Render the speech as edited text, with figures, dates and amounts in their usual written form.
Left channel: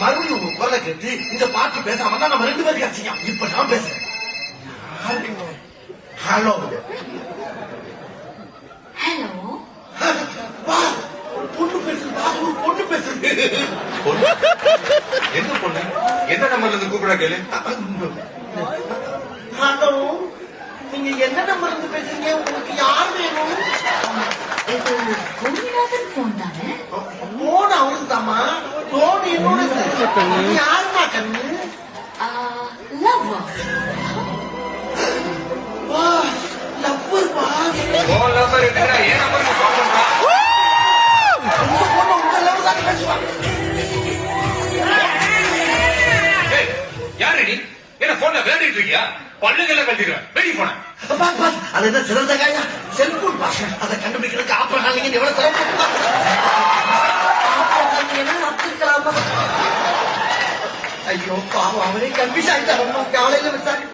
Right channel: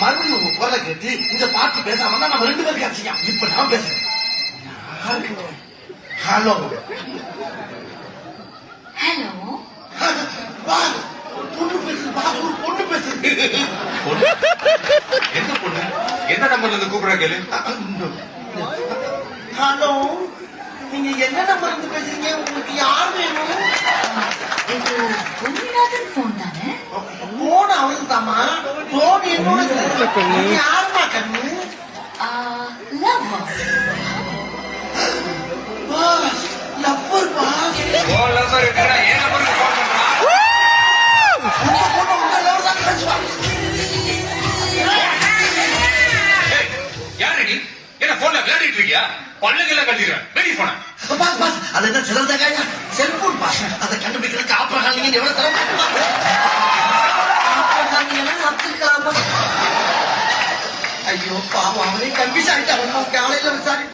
மறுபடியும் உங்க குரலை கேட்டு இந்த பாட்டு பேசாம தான் நம்ம 2 பேரும் கட்சிக்கலாம். இப்ப நான் பேசுறேன். ஹலோ ஹலோ பொண்ணு பேசுது. ஒரு பொண்ணு பேசுது. எந்த பொண்ணு? எந்த நம்பர்ல இருந்து கூப்பிட கேளு. ஹலோ, நீங்க என்ன நம்பர் இருந்து பேசுறீங்க? உங்களுக்கு யார் வேணும்? இது பொன்னிநாதன் போன் தானே? போன் அவருக்கு தாமா. போன் என்னோட. யாருமா கண்ணு? லவ்வா. லவ்வர் பா. போன் நம்பர் இருக்குடா. ஏன் நம்பருக்கு போன் பண்றான்? உங்க பொண்ணு உங்க லவ் தான் பேசுவா. ஏய், யாரு நீ? என்ன போன்ல விளையாடிட்டு இருக்கியா? பல்லுகெல்லாம் கட்டிடுவேன். வெடி போன. பாஸ் அது என்ன சிறந்தகாயா? Cellphone pass. அதை கண்டுபிடிக்கிறதுக்கு ஆப்ரஹாம் எவ்வளவு தரம்? ஐயோ பாவம், அவரே கன்ஃபியூஸ் ஆயிட்டாரு. காலையில விசாரி